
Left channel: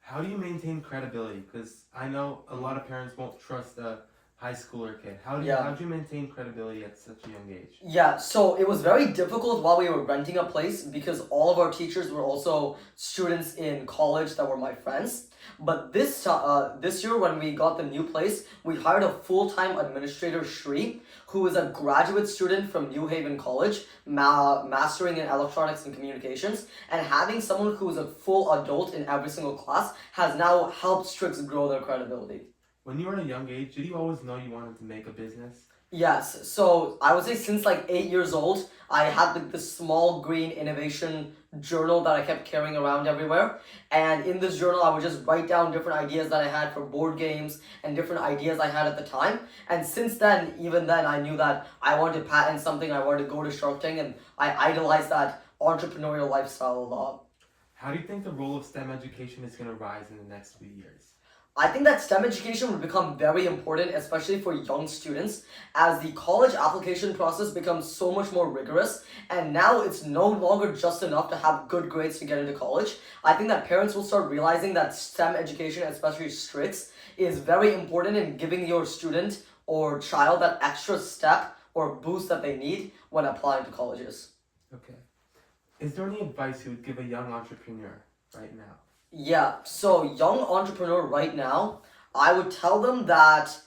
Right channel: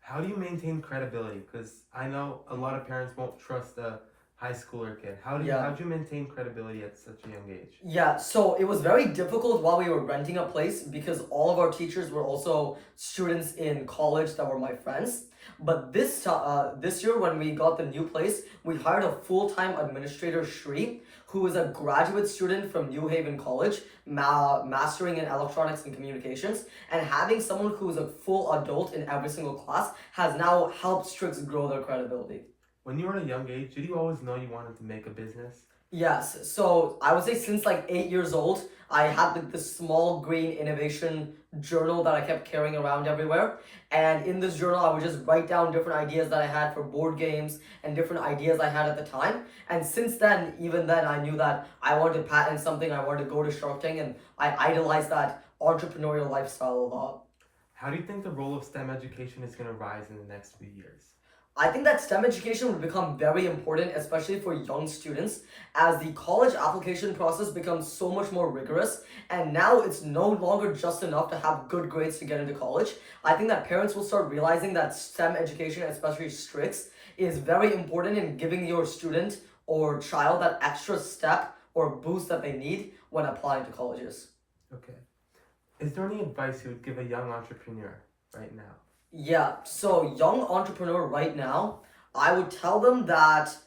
How do you maintain credibility? Because I know a lot of parents won't trust a high schooler kid. How do you maintain credibility at such a young age? Yeah, so it was very difficult while we were renting a place because all of our teachers were also students in college that were my friends. But this year when we got the new place, we hired a full-time administrator, Sri, who is a graduate student from New Haven College, mastering in electronics and communications, and having someone who is a full adult in every single class has now helped STRICX grow their credibility. When you were at a young age, did you always know you wanted to make a business? Yes, so I would say since like 8 years old, I had this small green innovation journal that I kept carrying around everywhere. And in this journal, I would just write down different ideas that I had for board games and different ideas I had at the time. And since then, even then, I knew that I wanted to patent something, I wanted to go to Shark Tank, and I idolized that entrepreneurial lifestyle a lot. How do you think the role of STEM education is going to rise in the next few years? I think that STEM education will become very important, especially for young students, as the college application process becomes so much more rigorous, and now it's no longer just enough to have good grades to get into college. I think that parents will start realizing that STEM education, especially STRICX, is very important in giving your student or child that extra step or boost that they need when applying to colleges. Okay. Is there any advice you would give a young entrepreneur right now? Yeah, so young entrepreneur right now, I would tell them that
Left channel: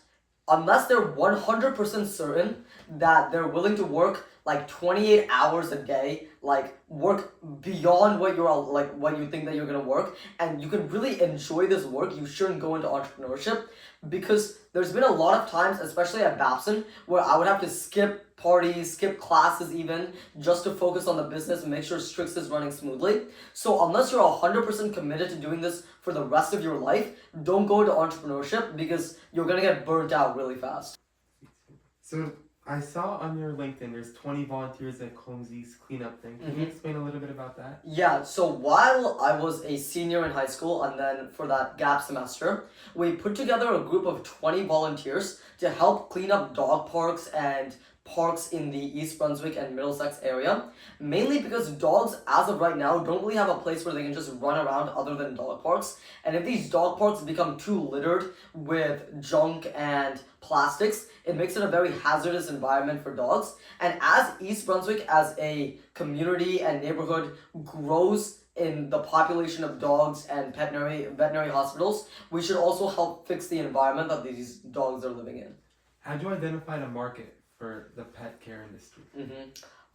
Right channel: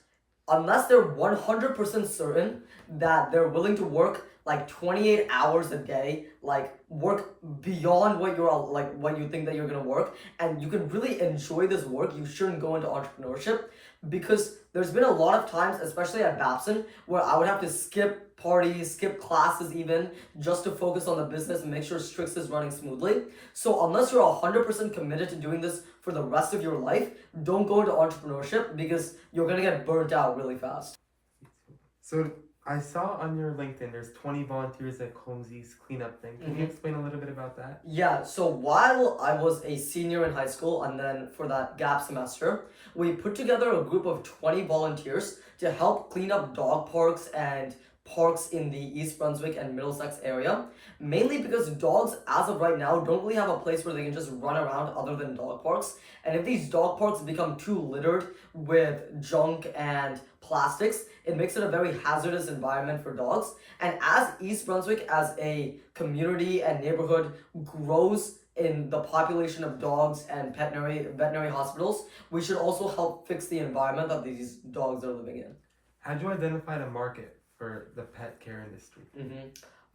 unless they're 100% certain that they're willing to work like 28 hours a day, like work beyond what you think that you're gonna work, and you can really enjoy this work, you shouldn't go into entrepreneurship, because there's been a lot of times, especially at Babson, where I would have to skip parties, skip classes even, just to focus on the business and make sure STRICX is running smoothly. So unless you're 100% committed to doing this for the rest of your life, don't go into entrepreneurship because you're gonna get burnt out really fast. So I saw on your LinkedIn there's 20 volunteers at Comzys cleanup thing. Can you explain a little bit about that? Yeah, so while I was a senior in high school and then for that gap semester, we put together a group of 20 volunteers to help clean up dog parks and parks in the East Brunswick and Middlesex area, mainly because dogs, as of right now, don't really have a place where they can just run around other than dog parks. And if these dog parks become too littered with junk and plastics, it makes it a very hazardous environment for dogs. And as East Brunswick as a community and neighborhood grows in the population of dogs and veterinary hospitals, we should also help fix the environment that these dogs are living in. How do you identify the market for the pet care industry?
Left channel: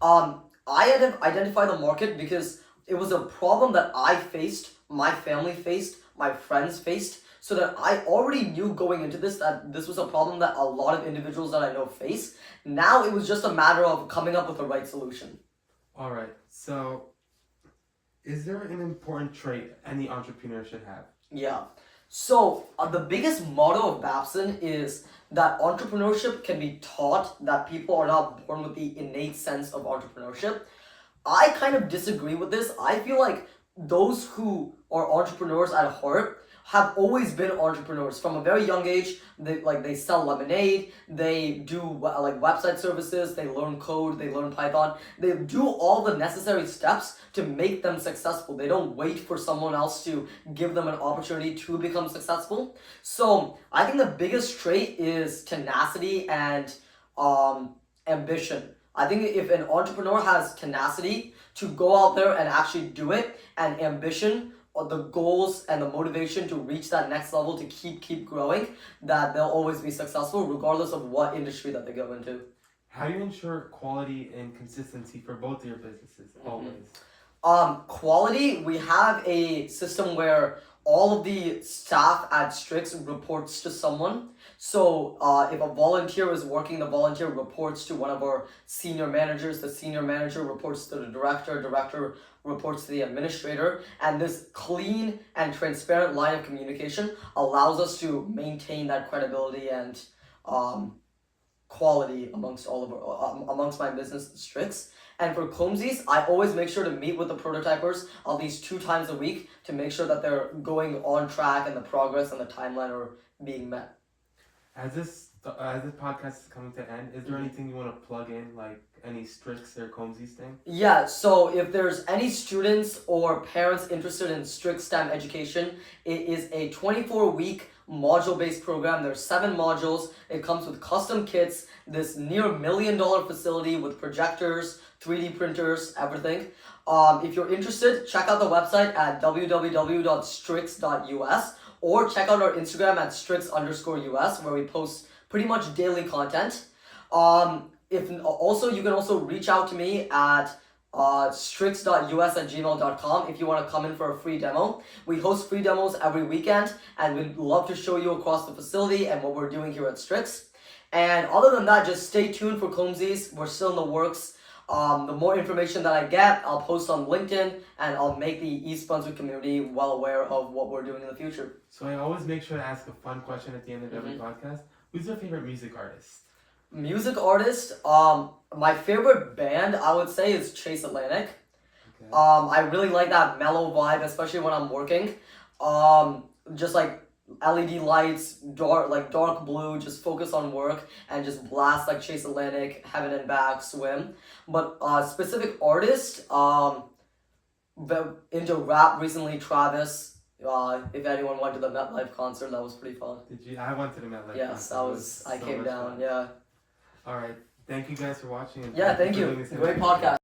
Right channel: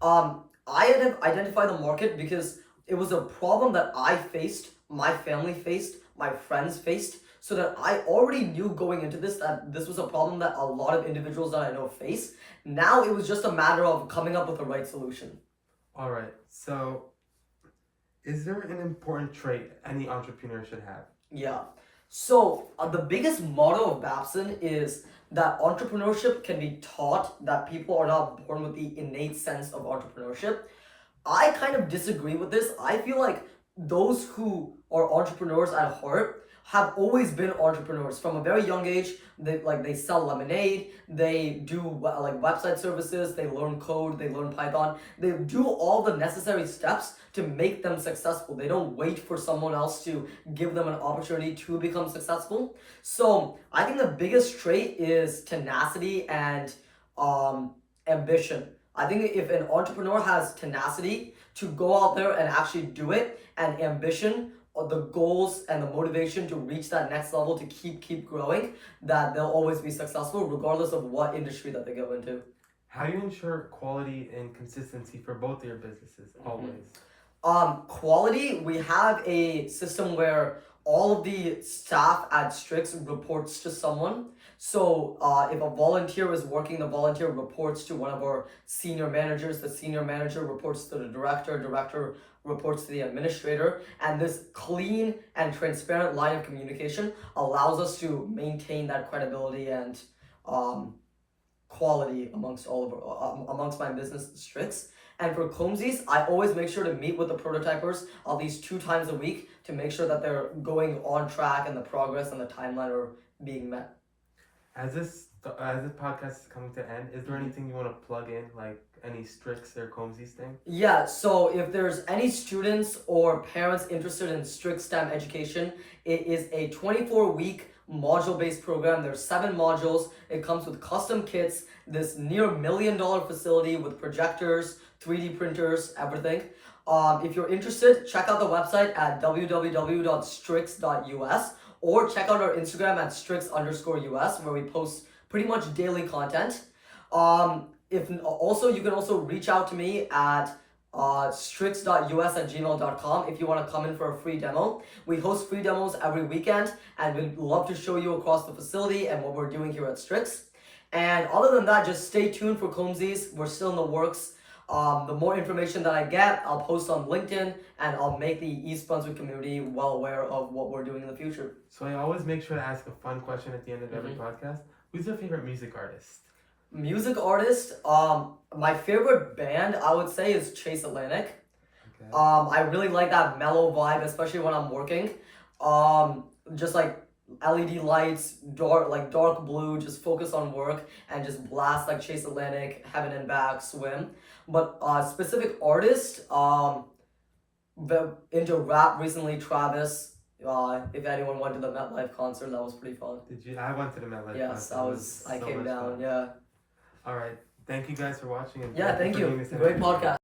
I identify the market because it was a problem that I faced, my family faced, my friends faced, so that I already knew going into this that this was a problem that a lot of individuals that I know face. Now it was just a matter of coming up with the right solution. All right, so is there an important trait any entrepreneur should have? Yeah, so the biggest motto of Babson is that entrepreneurship can be taught, that people are not born with the innate sense of entrepreneurship. I kind of disagree with this. I feel like those who are entrepreneurs at heart have always been entrepreneurs from a very young age. They sell lemonade, they do like website services, they learn code, they learn Python, they do all the necessary steps to make them successful. They don't wait for someone else to give them an opportunity to become successful. So I think the biggest trait is tenacity and ambition. I think if an entrepreneur has tenacity to go out there and actually do it, and ambition, or the goals and the motivation to reach that next level, to keep growing, that they'll always be successful regardless of what industry that they go into. How do you ensure quality and consistency for both of your businesses always? Quality, we have a system where all of the staff at STRICX reports to someone. So if a volunteer is working, the volunteer reports to one of our senior managers, the senior manager reports to the director, director reports to the administrator, and this clean and transparent line of communication allows us to maintain that credibility and quality amongst amongst my business, STRICX. And for Comzys, I always make sure to meet with the prototypers at least 2 times a week to make sure that they're going on track and the progress and the timeline are being met. As this podcast is coming to end, is there anything you want to plug in, like any STRICX or Comzys thing? Yeah, so if there's any students or parents interested in STRICX STEM education, it is a 24-week module-based program. There's 7 modules. It comes with custom kits, this near $1 million facility with projectors, 3D printers, everything. If you're interested, check out the website at www.strix.us or check out our Instagram at strix_US, where we post pretty much daily content. You can also reach out to me at strix.us@gmail.com if you want to come in for a free demo. We host free demos every weekend, and we'd love to show you across the facility and what we're doing here at STRICX. And other than that, just stay tuned for Comzys. We're still in the works. The more information that I get, I'll post on LinkedIn, and I'll make the East Brunswick community well aware of what we're doing in the future. So I always make sure to ask a fun question at the end of every podcast. Who's your favorite music artist? Music artist, my favorite band, I would say, is Chase Atlantic. Okay. I really like that mellow vibe, especially when I'm working. Just like LED lights, dark blue, just focus on work and just blast like Chase Atlantic, Heaven and Back, Swim. But specific artist, into rap recently, Travis. If anyone went to the MetLife concert, that was pretty fun. Did you? I went to the MetLife concert. Yes, I came down, fun. yeah. All right. Thank you guys for watching. And thank you. Great podcast.